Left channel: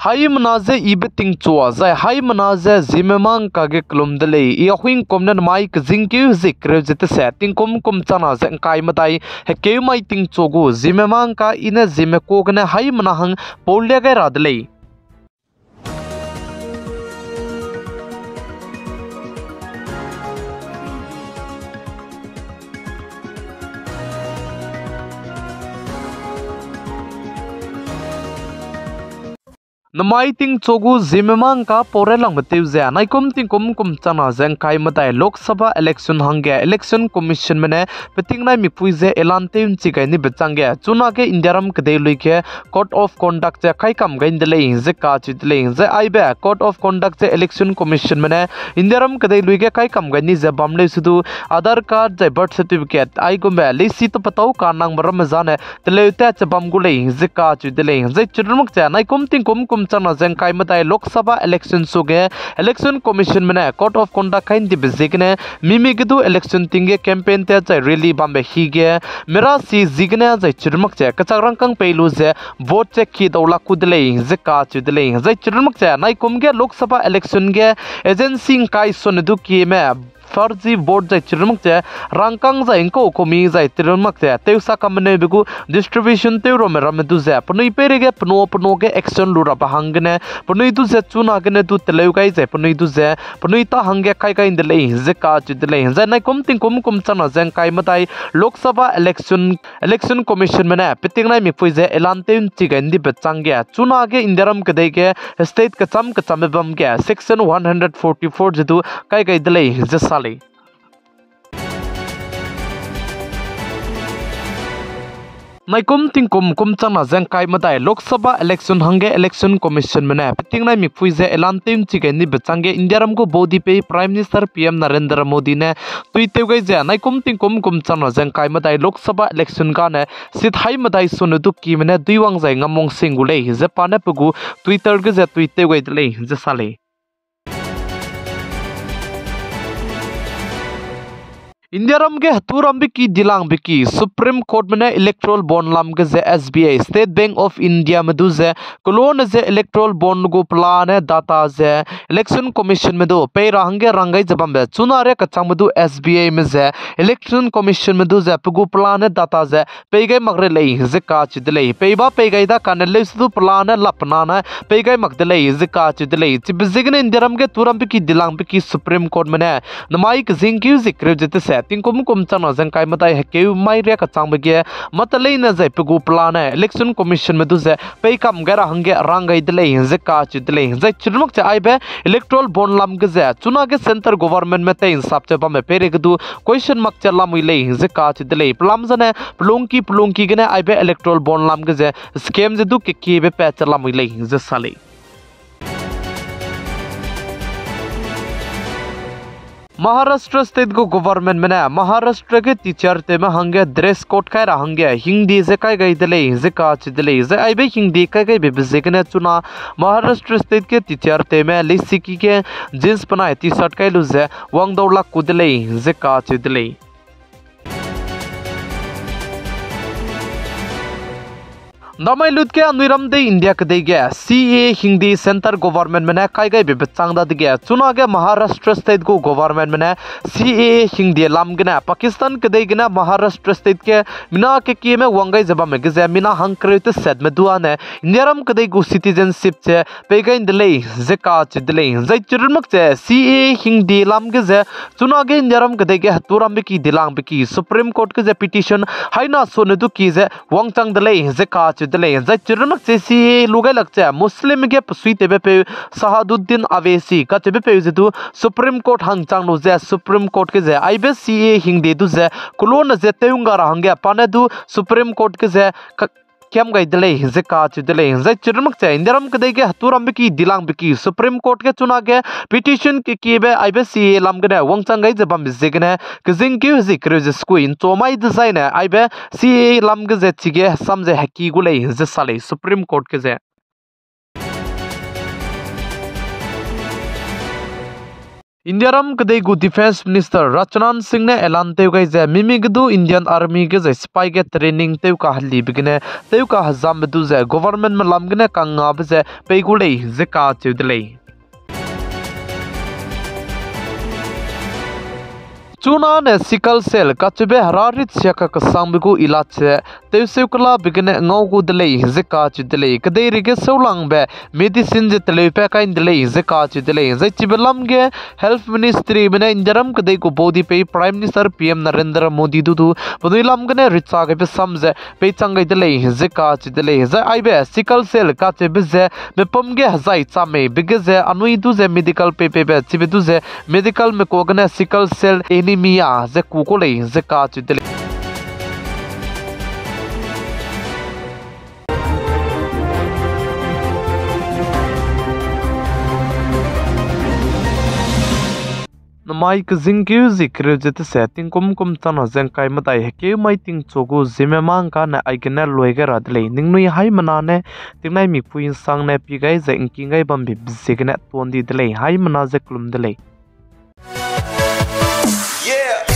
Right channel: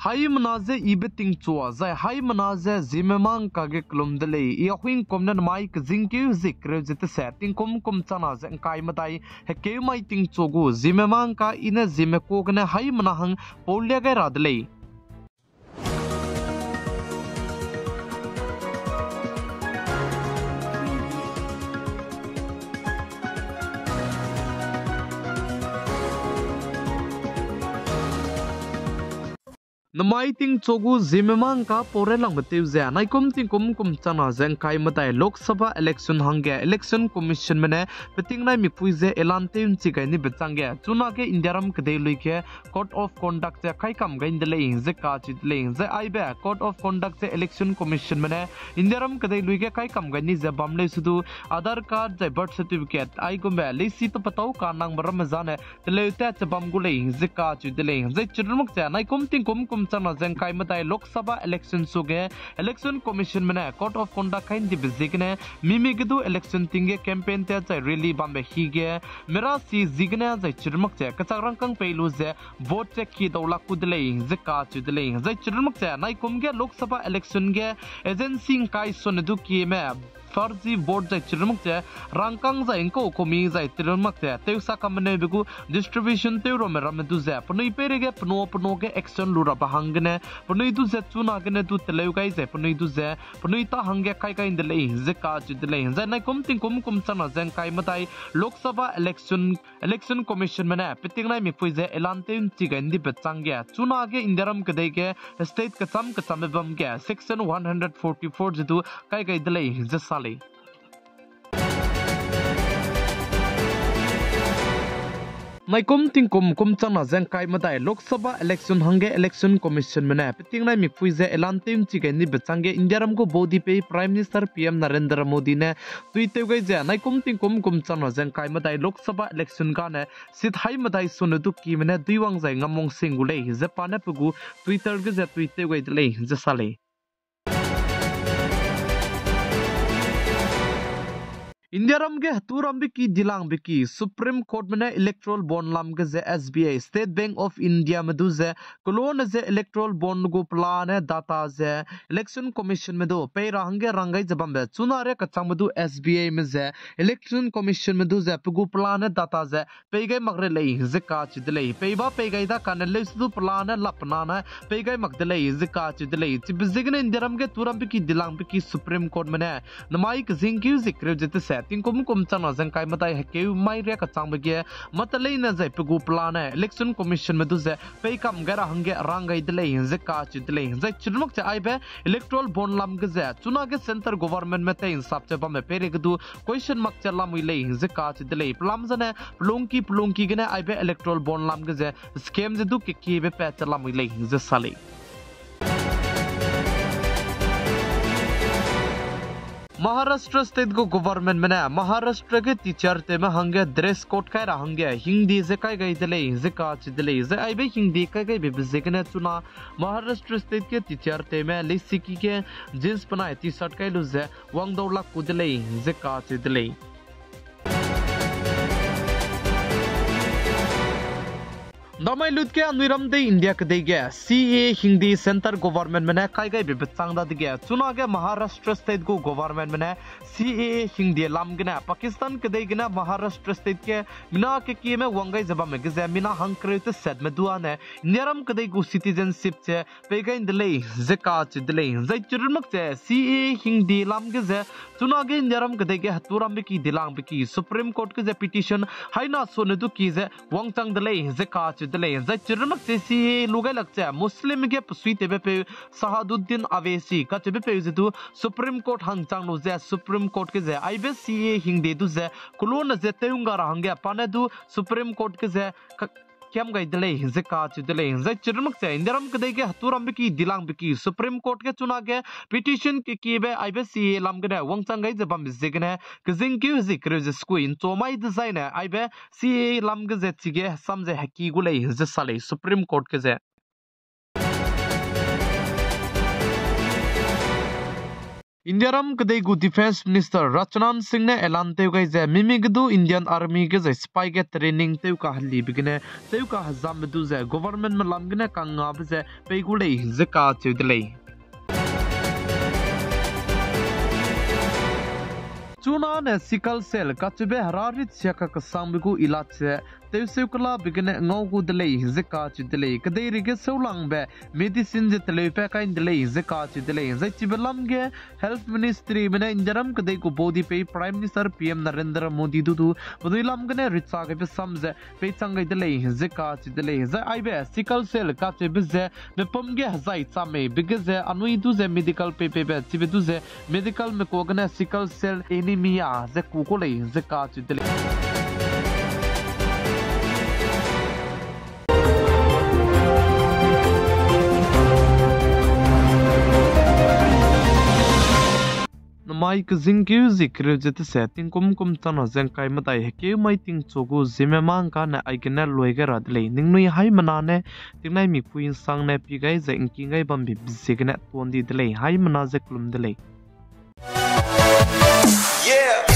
Hai menaze ibeting chua zai hai menaze zimemang kage klum dele I ahuing komnen mai kzingkyu zikre jete setting kum chana zen kai matai heke mai ting chogu zimemang ka ine zimeko gane hai menahang polya ga radle Namai ting chogu zimemang ka porelang betiu ze nai kum chana zeng kai matai Lok Sabha election hangge election commission mene peting nai mipui ze elanteun chikai ni becangge chuna ke indiaram kdei luike code of conduct je kai kam gain dele ze ka chi dele ze aibe code of conduct je election commission mene indiaram kdei luike kai kam gain ni ze bamle sudu Aadhar card je birth certificate ai gombe le si to patau ka nang maram jane tele ta che bam gule ze ka chi dele ze chirmuk cha nai kum chana zeng kai matai Lok Sabha election suge election commission mena code of conduct kain di bizigne mimi gidu election tinge campaign te chai really bambe hige mera si zigne jai chirmak che kacharang kang pelu je vote check ki dola kudle je ka chudle jai chirmak che nai kumge Lok Sabha election ge agency kai sonedu ki me farzi vote jai chirmak che rangkang jai ko komi jai chirmak che teusa kamne bigu distribution teuro meram du je pnui perege pno ge action lura bahangne pnui du je chuna gene du teleu kai je pnui du je pnui ta hange kai kai indle je ka chidle je nai kum chana jeng kai matai Lok Sabha election commission mena piting nai mi pui je elanteun chigan di bechangge chuna ge indiaram kdei ge state kacham bam ge section 144 jedu kai kai dle je Nai kum chana zeng kai matai Lok Sabha election hange election commission mena piting nai mipui je elanteun chigai ni becangge indiaram ko bodi pe prime minister PM Narendra Modi ne tuiteu gai je nai kum chana zeng kai matai Lok Sabha election ka ne sit hai matai sonudu ki mena duiwang jai ngamong singule je pane pugu Twitter ge je tuiteu gai dle je sale Indiaram ge haturam biki dilang biki Supreme Court mena electoral bond lam ge ze SBI State Bank of India medu ze kolon ze electoral bond go plan data ze election commission medu pe range rangai jabam be chunare kachang medu SBI me ze election commission medu ze pugu plan data ze pe gai magre lei ze ka chidlei pe ba pe gai da kanle su plan lapna na pe gai magdlei ze ka chidlei chibizigne Indiaram ge turam biki dilang biki Supreme Court mena namai kzingkyu zikre jete se ting kum chana jeng kai matai heke mai re ka chang bege matalei na jai pugu plan election commission medu je pe kam gara hange rangai dele je ka chidle je chirmuk cha aibe electoral bond lam ge je chuna ge center government me te insap che ba me pere gdu question mark cha lam ile je ka chidle plam jane plunki gene aibe electoral bond lam ge je scam je du ki be pe cha lam ile je sale Maharashtra state go government mena Maharashtra ke teacher te ma hange dress code kai rahange hindi je kai gai dele je ka chidle je aibe hindi kai gai be bezekne chuna Maharashtra state ke teacher te ma lisiki ke jeans pana t-shirt kai lu je wang dawla kudle je ka chidle Namai lut ke anuiram de India ke de CA Hindi center government mena kai gai be bechang da de chuna ge Maharashtra state go government mena CA Hindi lam gena Pakistan ke de gena Maharashtra state ke mina ke ki me wangai jaba me ge mina hankre te set me duan ne Indiaram ke de go citizenship che pe gai dele je ka che dele zai chirmak che CA Hindi lam ge je chuna ge Indiaram ke de ge haturam be ki dilang be ki Supreme Court ke je petition haina sone du ki je wangchang dele je ka dele zai chirmak che si lugai lakcha muslim ge psui tebe pe Sahaduddin Avesi ka tebe pe jedu Supreme Court hangchang no je Supreme Court ke je IBC hingde du je kulon je teunga ra hangya pane du Supreme Court ke je kyam gai dele je ka chidle zai chirmak che indiaram ke de ge haturam biki dilang biki Supreme Court ke chuna ge petition ke be IBC lam ge wangchang gai je bam je ge kizing ki zikre je squin to mai design IBC lam ge je chige samje haki gule je sale Supreme Court ke je India रम कदे गु defence minister Rajnath Singh ने ऐलान ते गई जे मिमी गदु Indian army के जे spy के ट्रेनिंग ते का हली बिगने ते का हजाम बदु जे गवर्नमेंट में लमगने कंगा बजे पेगुले जे का चुदले चुना ने सिकल सेल कचबे हरारित सियाका कसंबगु इलाचे तेउसेकला बिगने ngaugu dele zeka chidele kdei rige seulang be medicine je tele pe kain dele zeka chidele zai chibelam ge health ministry bene injaram kdei ko bodi pe prime minister pm narendra modi du boduilam gane ritsa ge pe samje pe changai dele zeka chidele zai aibe sickle cell ka chebe je be pomge hazai chame bige je anui du je medical pe chibe du je medical me ko gane sickle cell anemia ze kukole zeka chidele Mike Zingyu zikre jete setting kum tana zengkai matai heke mai ting chogu Zeme mang ka na aikena loiga radle ningnui hai manane tingnai mi puin sang ne pigai ze inkingai bambi bzigna tondi dle hai mana ze klum dle. Yeah.